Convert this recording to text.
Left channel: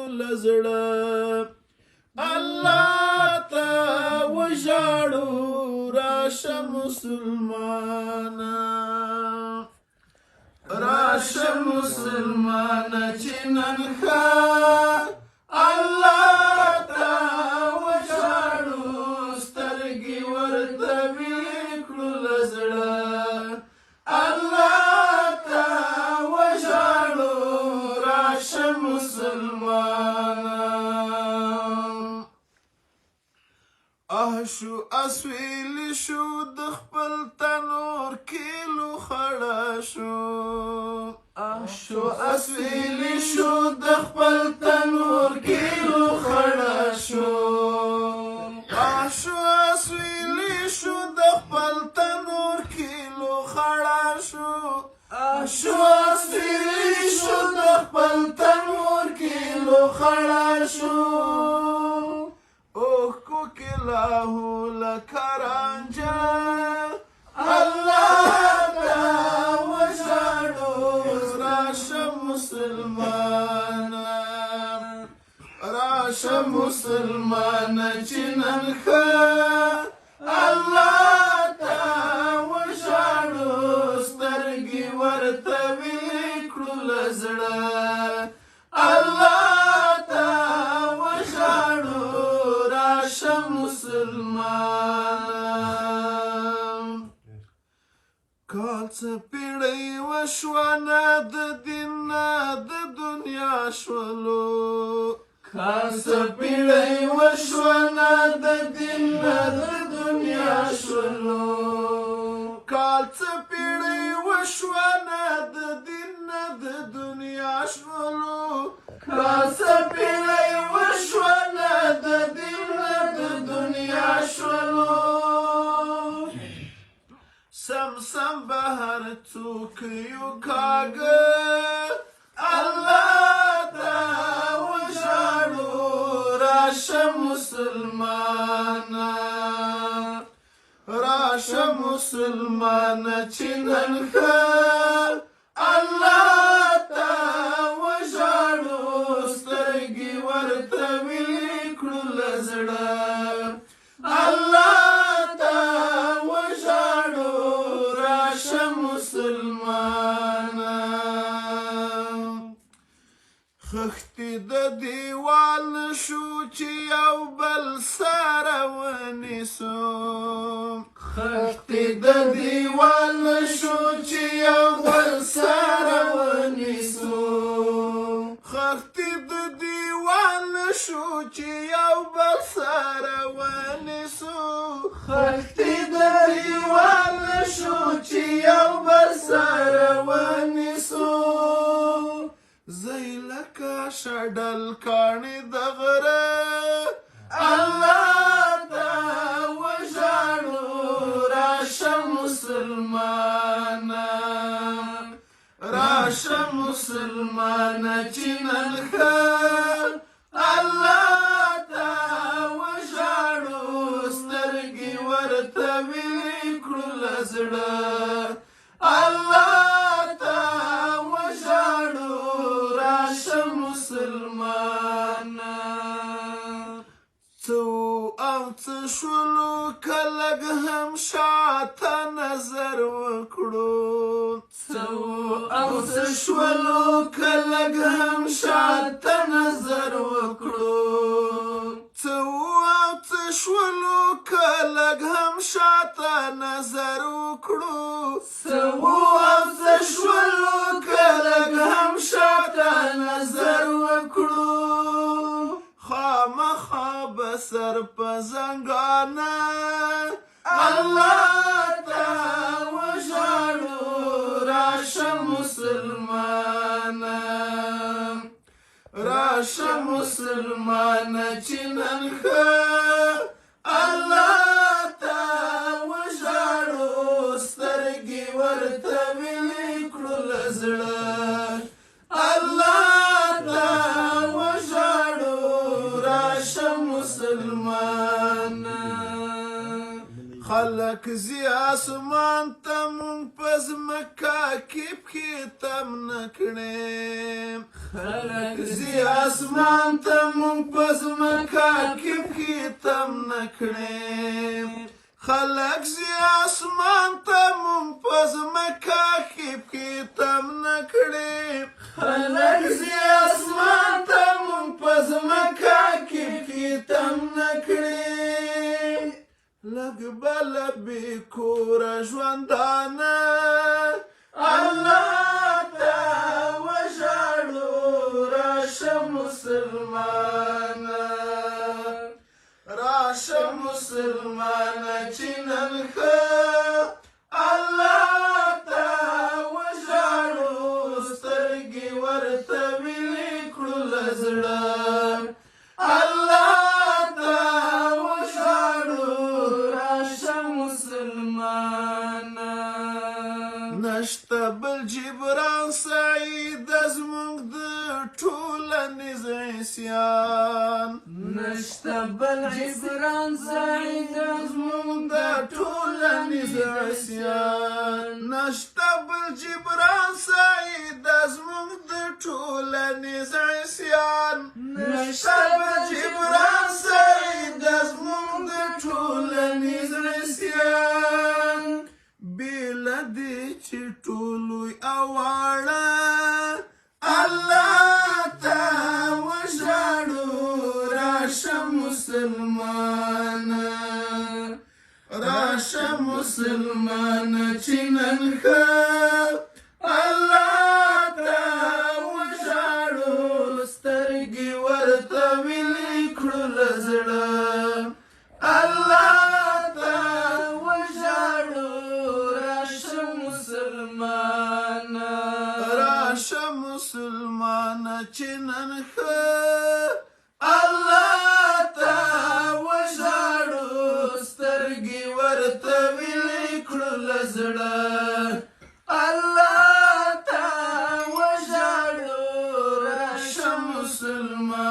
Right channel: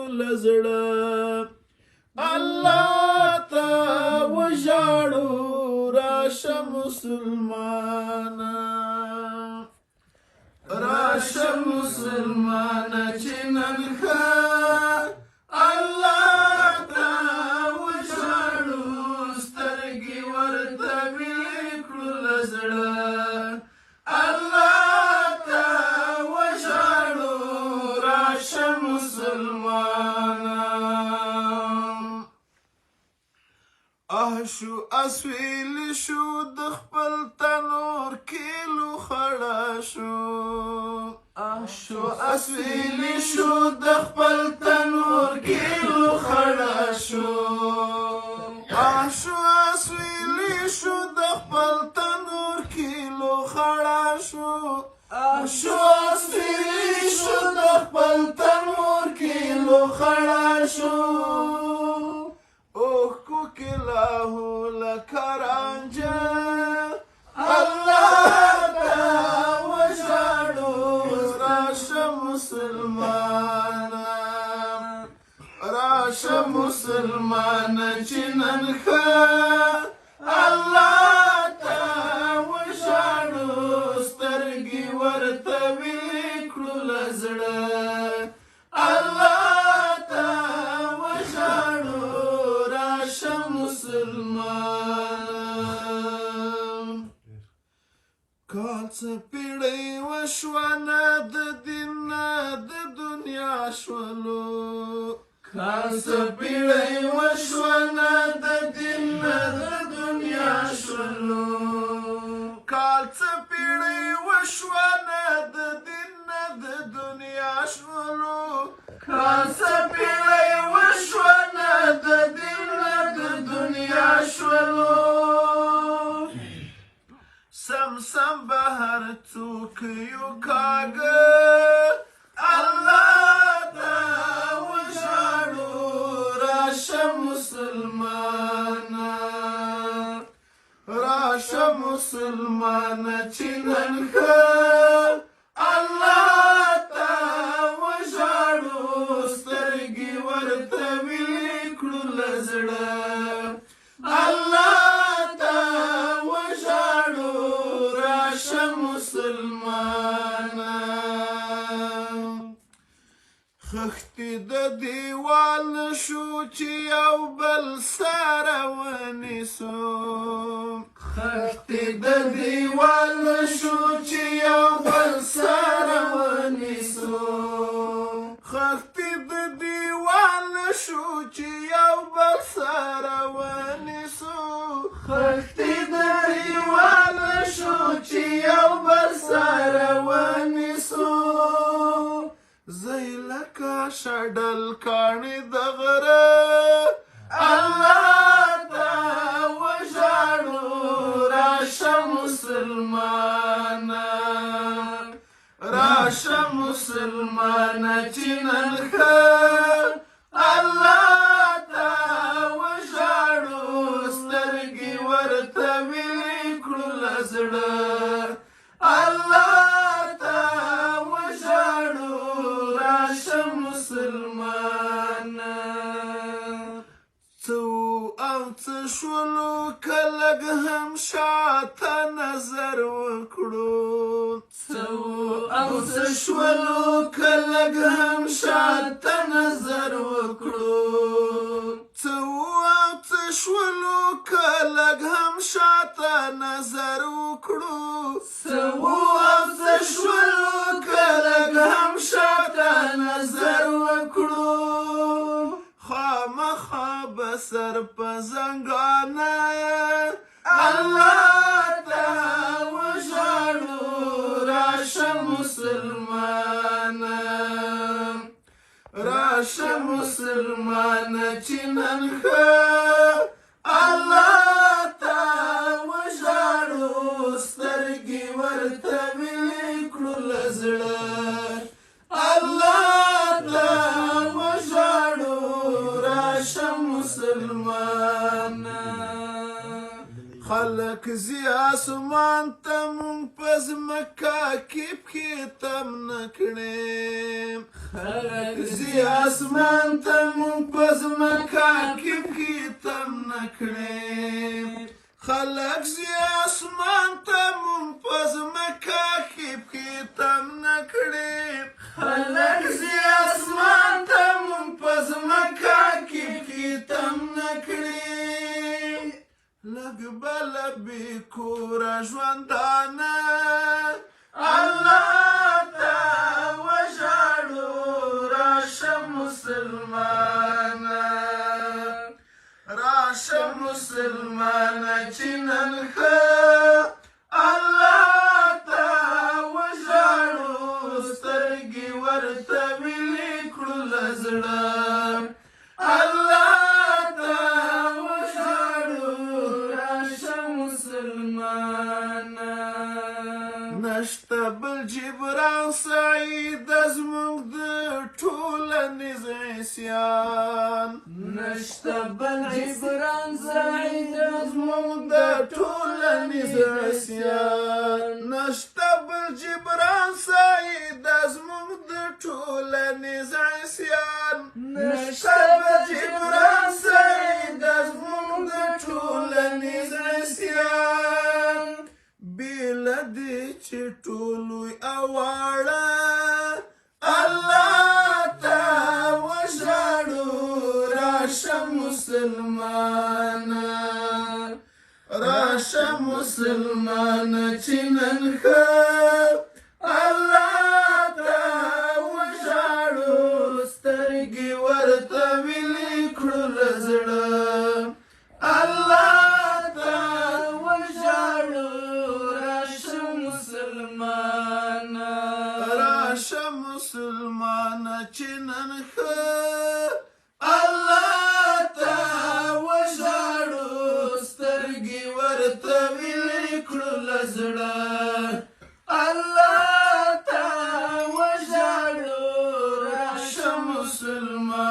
کړو لزړه الله ته وژاړو راشه مسلمانه راشه مسلمانه چې نن ښه الله ته وژاړو سترګې ورته ویلې کړو لزړه الله ته وژاړو راشه مسلمانه شو اسویل شو د خپل تنور کیلو خړه شو اسویل شو د خپل تنور کیلو خړه شو اسویل شو د خپل تنور کیلو خړه شو اسویل شو د خپل تنور کیلو خړه شو لاهو لکرانجه الله ته وژاړو راشه مسلمانه راشه مسلمانه چې نن ښه الله ته وژاړو سترګې ورته ویلې کړو لزړه الله ته وژاړو راشه مسلمان کال څه پیړۍ وشوه نه د دین نه د دنیا شولو کال څه پیړۍ وشوه نه د دین نه د دنیا شولو کال څه پیړۍ وشوه نه د دین نه د دنیا شولو کال څه پیړۍ وشوه نه د دین نه د دنیا شولو سم بهر څوک یو کاږه الله ته وژاړو راشه مسلمانه راشه مسلمانه چې نن ښه الله ته وژاړو سترګې ورته ویلې کړو لزړه الله ته وژاړو راشه مسلمانه خښتې د دیوال شو چې یو بل سره ونیسو خښتې د دیوال شو چې یو بل سره ونیسو خښتې د دیوال شو چې یو بل سره ونیسو خښتې د دیوال شو چې یو بل سره ونیسو زی لکه شډل کاڼي د غره الله ته وژاړو راشه مسلمانه راشه مسلمانه چې نن ښه الله ته وژاړو سترګې ورته ویلې کړو لزړه الله ته وژاړو راشه مسلمانه څو او څه شولو که لږ هم شاته نظر وکړو څو او څه شولو که لږ هم شاته نظر وکړو څو او څه شولو که لږ هم شاته نظر وکړو څو او څه شولو که لږ هم شاته نظر وکړو خامخا به سر په زنګانه الله ته وژاړو راشه مسلمانه راشه مسلمانه چې نن ښه الله ته وژاړو سترګې ورته ویلې کړو لزړه الله ته وژاړو راشه مسلمانه خلک زی اسمان ته مونږ په ځمکه کې پښې تم نه کړې خلق زی اسمان ته مونږ په ځمکه کې پښې تم نه کړې خلق زی اسمان ته مونږ په ځمکه کې پښې تم نه کړې خلق زی اسمان ته مونږ په ځمکه کې پښې تم نه کړې لږ بل بې کوره ژوندانه الله ته وژاړو راشه مسلمانه راشه مسلمانه چې نن ښه الله ته وژاړو سترګې ورته وینې کړو له زړه الله ته وژاړو راشه مسلمانه نشته بل جبران سعید زموږ د ټولنیز عصیان نشته بل جبران سعید زموږ د ټولنیز عصیان نشته بل جبران سعید زموږ د ټولنیز عصیان نشته بل جبران سعید زموږ د ټولنیز عصیان بیله دې چې ټولوی اواړه الله ته وژاړو راشه مسلمانه راشه مسلمانه چې نن ښه الله ته وژاړو سترګې ورته وینې کړو له زړه الله ته وژاړو راشه مسلمانه راشه مسلمانه چې نن ښه الله ته وژاړو سترګې ورته وینې کړو له زړه الله ته وژاړو راشه مسلمانه